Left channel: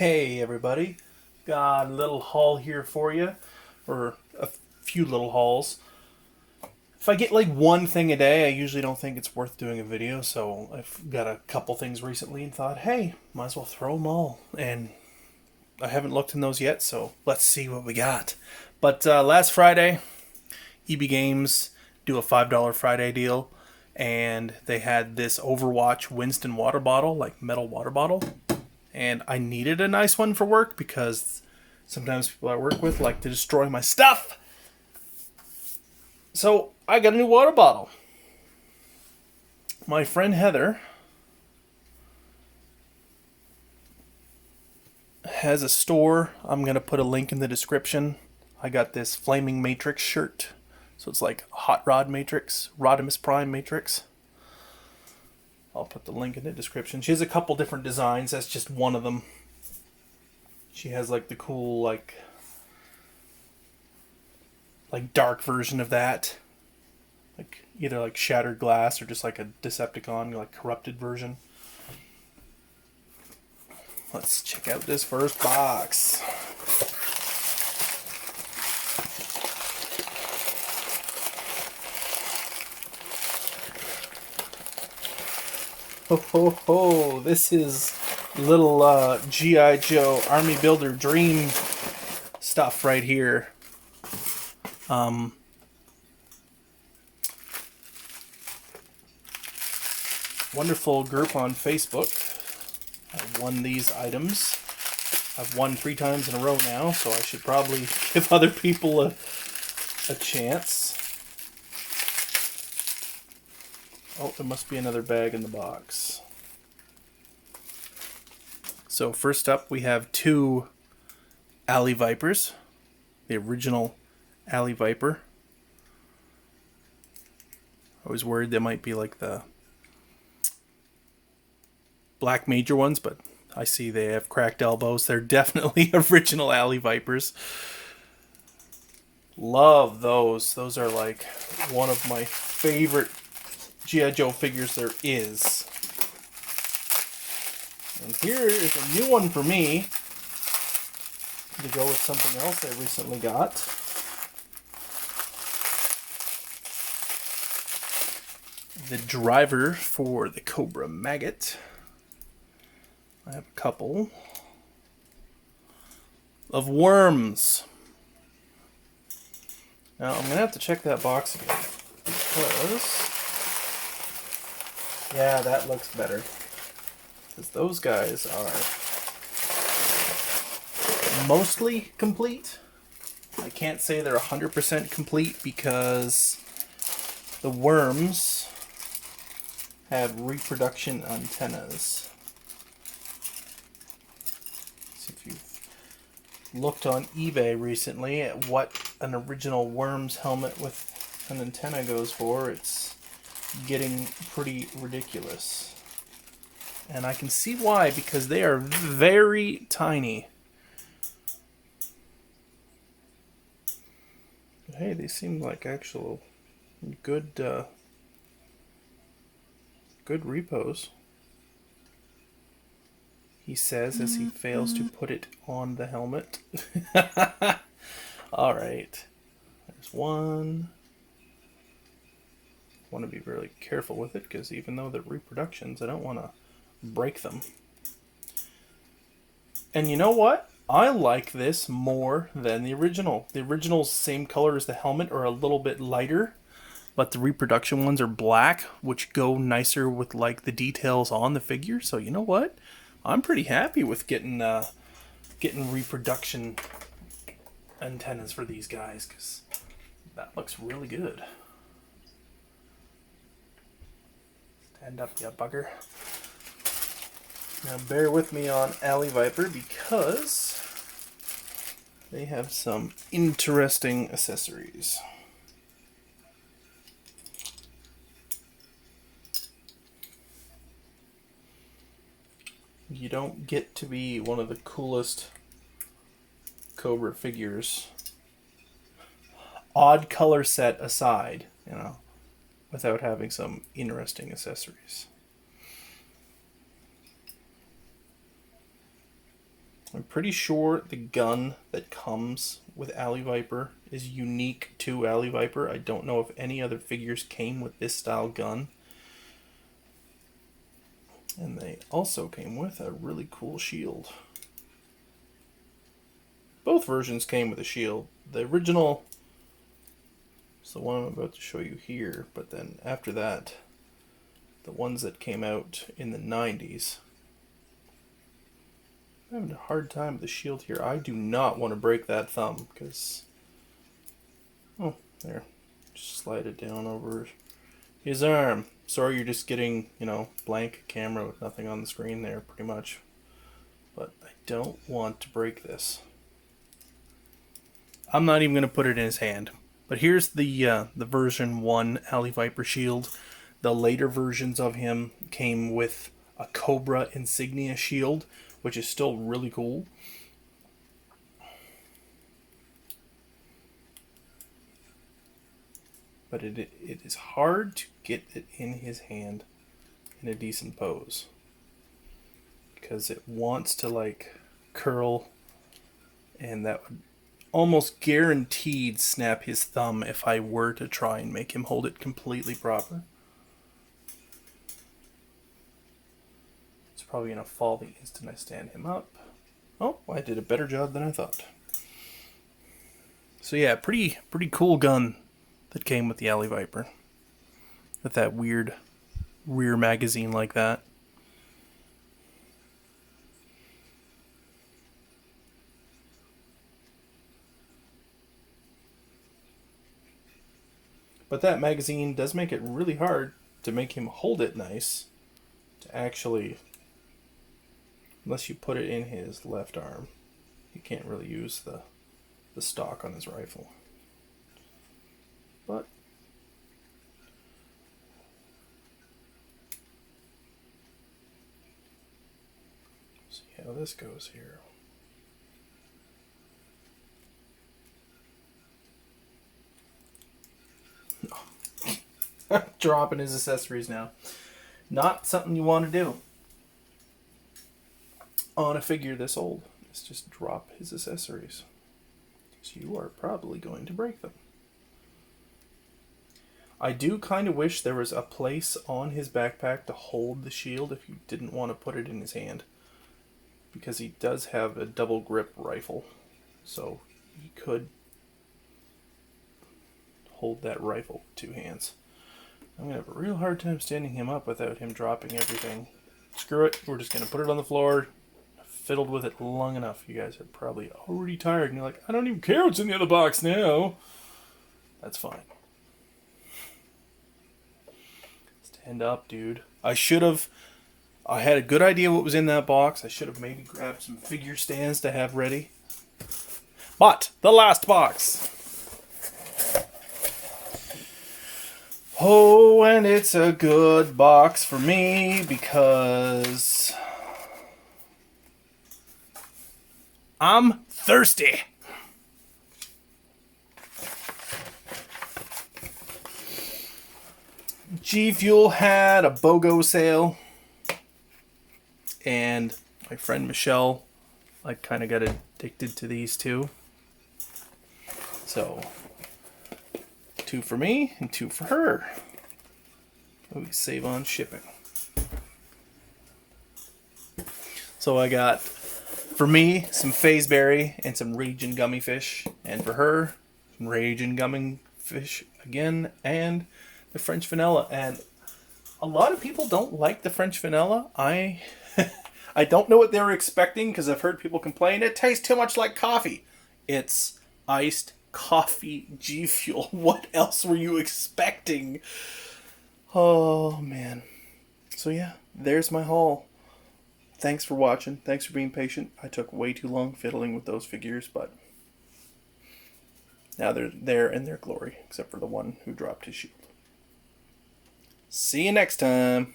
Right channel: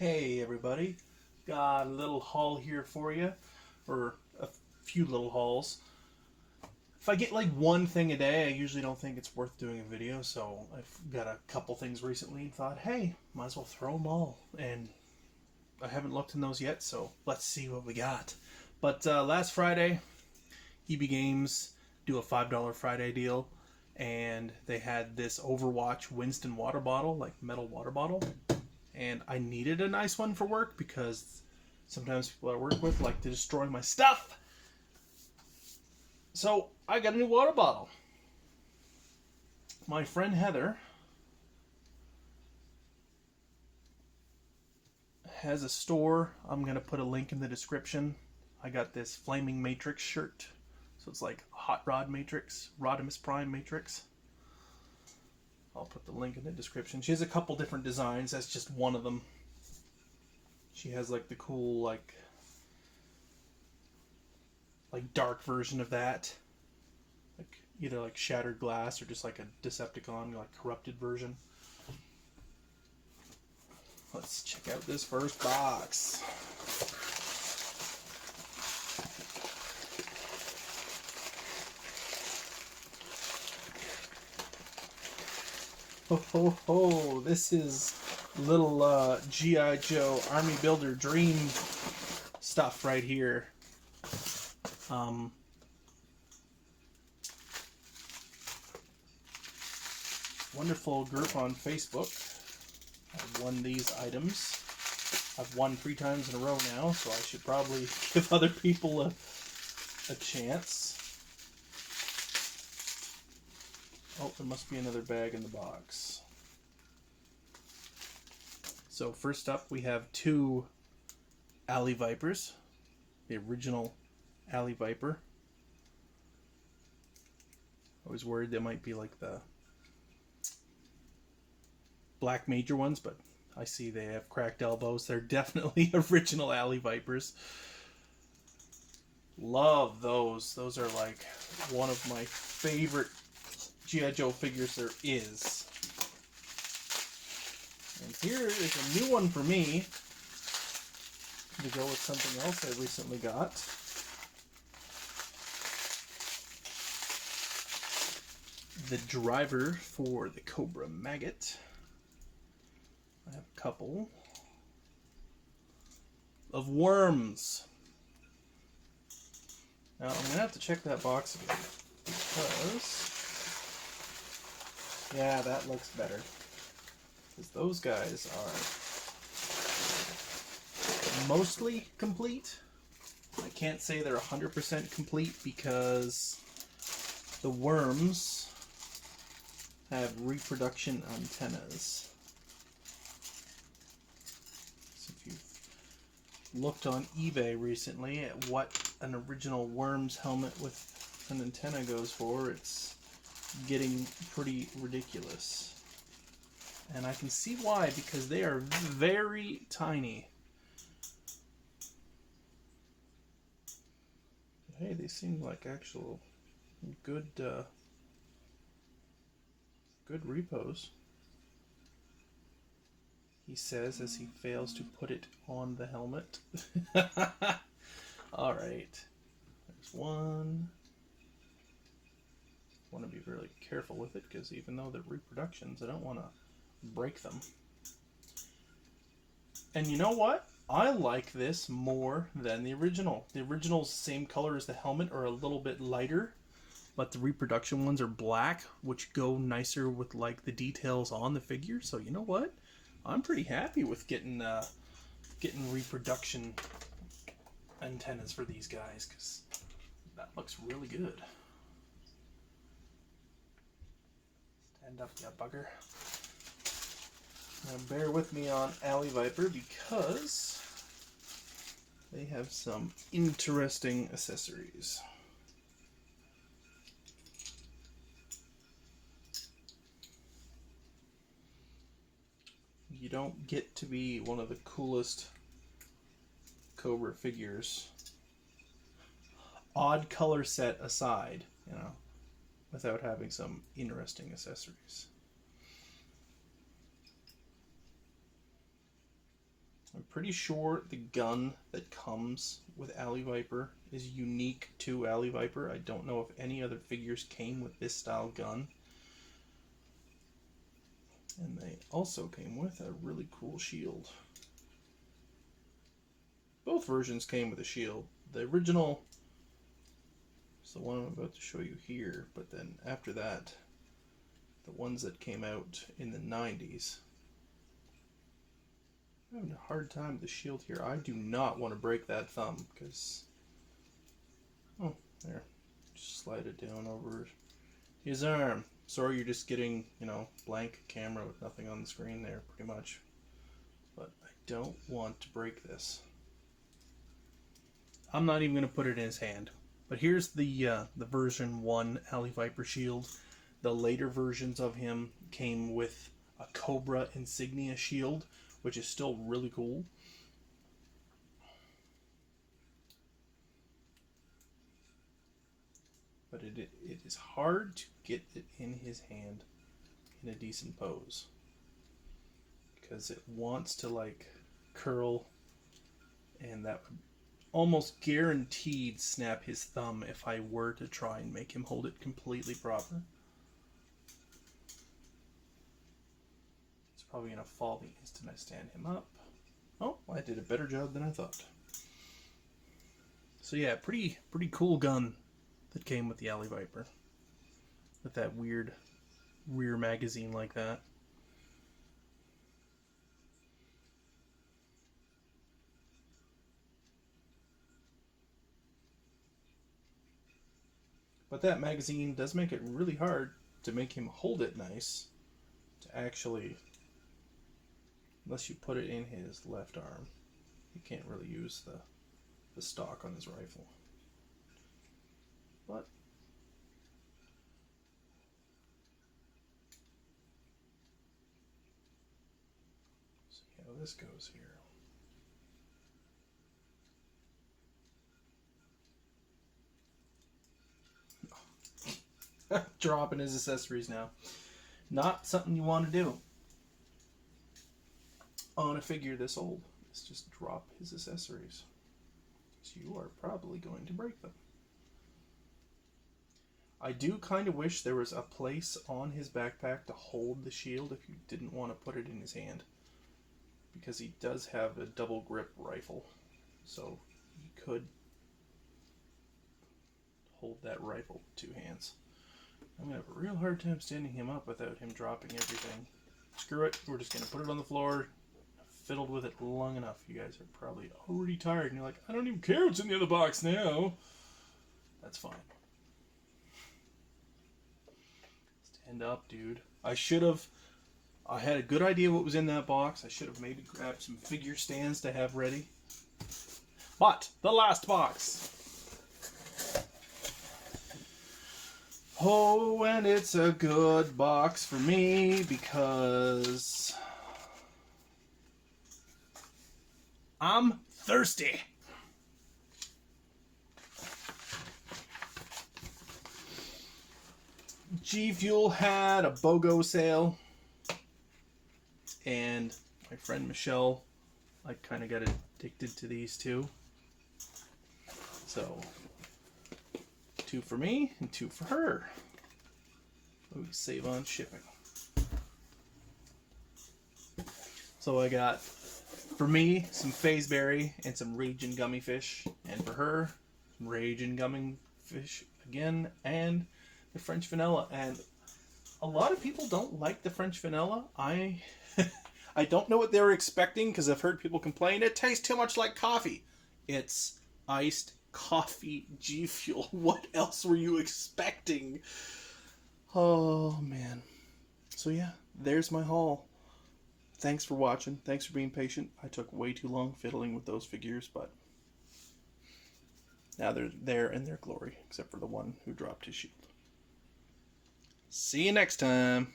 Hey everybody, got a little haul here for you, or a few little hauls. If I get like one thing a day, I usually don't think it's worth doing a video, so I've got a couple things recently and thought, hey, might as well throw them all. And I haven't looked in those yet, so let's see what we got. But last Friday, EB Games do a $5 Friday deal, and they had this Overwatch Winston water bottle, like metal water bottle, and I needed a nice one for work because sometimes people I work with like to destroy my stuff. So I got a new water bottle. My friend Heather has a store. I'm going to put a link in the description. I got this Flaming Matrix shirt. So it's like Hot Rod Matrix, Rodimus Prime Matrix. I'll put the link in the description. She has a couple different designs. That's just one of them. She has like the cool like dark version of that. Like either like shattered glass or just like a Decepticon like corrupted version. Let's check out this first box. Ho ho ho! This is little G.I. Joe Army Builder Dream stuff right here. Wonderful group on Facebook. I've won these items. I've won 3 times in a row now, so I should probably give other people a chance. Oh, there must be another bag in the box. So first up, we have 2 Alley Vipers. The original Alley Viper. I was worried they might be like the Black Major ones, but I see they have cracked elbows. They're definitely original Alley Vipers. Love those. Those are like one of my favorite G.I. Joe figures there is. And here is a new one for me to go with something else I recently got. The driver for the Cobra Maggot. I have a couple of worms. Now I'm gonna have to check that box again because yeah, that looks better. Because those guys are mostly complete. I can't say they're 100% complete because the worms have reproduction antennas. So if you've looked on eBay recently at what an original Worms helmet with an antenna goes for, it's getting pretty ridiculous. And I can see why, because they are very tiny. But hey, they seem like actual good good repos. He says as he fails to put it on the helmet. All right. There's one. Want to be really careful with it because even though they're reproductions, I don't want to break them. And you know what? I like this more than the original. The original's same color as the helmet or a little bit lighter, but the reproduction ones are black, which go nicer with like the details on the figure. So you know what? I'm pretty happy with getting reproduction antennas for these guys because that looks really good. Stand up, you bugger. Now bear with me on Alley Viper because they have some interesting accessories. You don't get to be one of the coolest Cobra figures, odd color set aside, without having some interesting accessories. I'm pretty sure the gun that comes with Alley Viper is unique to Alley Viper. I don't know if any other figures came with this style gun. And they also came with a really cool shield. Both versions came with a shield. The original is the one I'm about to show you here, but then after that, the ones that came out in the 90s. I'm having a hard time with the shield here. I do not want to break that thumb because... Oh, there. Just slide it down over his arm. Sorry you're just getting, blank camera with nothing on the screen there, pretty much. But I don't want to break this. I'm not even going to put it in his hand. But here's the version 1 Alley Viper shield. The later versions of him came with a Cobra insignia shield, which is still really cool. But it is hard to get it in his hand in a decent pose, because it wants to curl, and that would almost guaranteed snap his thumb if I were to try and make him hold it completely proper. It's probably going to fall the instant I stand him up. Oh, I did a better job than I thought. So yeah, pretty cool gun that came with the Alley Viper, with that weird rear magazine like that. But that magazine does make it really hard to make him hold it nice, to actually, unless you put it in his left arm, you can't really use the stock on his rifle. But see how this goes here. Dropping his accessories now. Not something you want to do on a figure this old. Is just drop his accessories, because you are probably going to break them. I do kind of wish there was a place on his backpack to hold the shield if you didn't want to put it in his hand, because he does have a double grip rifle, so he could hold that rifle with 2 hands. I'm going to have a real hard time standing him up without him dropping everything. Screw it, we're just going to put it on the floor. I've fiddled with it long enough. You guys are probably already tired and you're like, I don't even care what's in the other box now. That's fine. Stand up, dude. I had a good idea what was in that box. I should have maybe grabbed some figure stands to have ready. But, the last box. Oh, and it's a good box for me because I'm thirsty. G Fuel had a BOGO sale, and my friend Michelle, I kind of got addicted to these too. So 2 for me and 2 for her. We save on shipping. So I got, for me, some Fazeberry and some Raging Gummy Fish, and for her, some Raging Gummy Fish again, and the French Vanilla. And a lot of people don't like the French Vanilla. I don't know what they were expecting, because I've heard people complain it tastes too much like coffee. It's iced coffee G Fuel. What else were you expecting? Oh man. So yeah, there's my haul. Thanks for watching. Thanks for being patient. I took way too long fiddling with those figures, but now they're there in their glory, except for the one who dropped his shield. See you next time.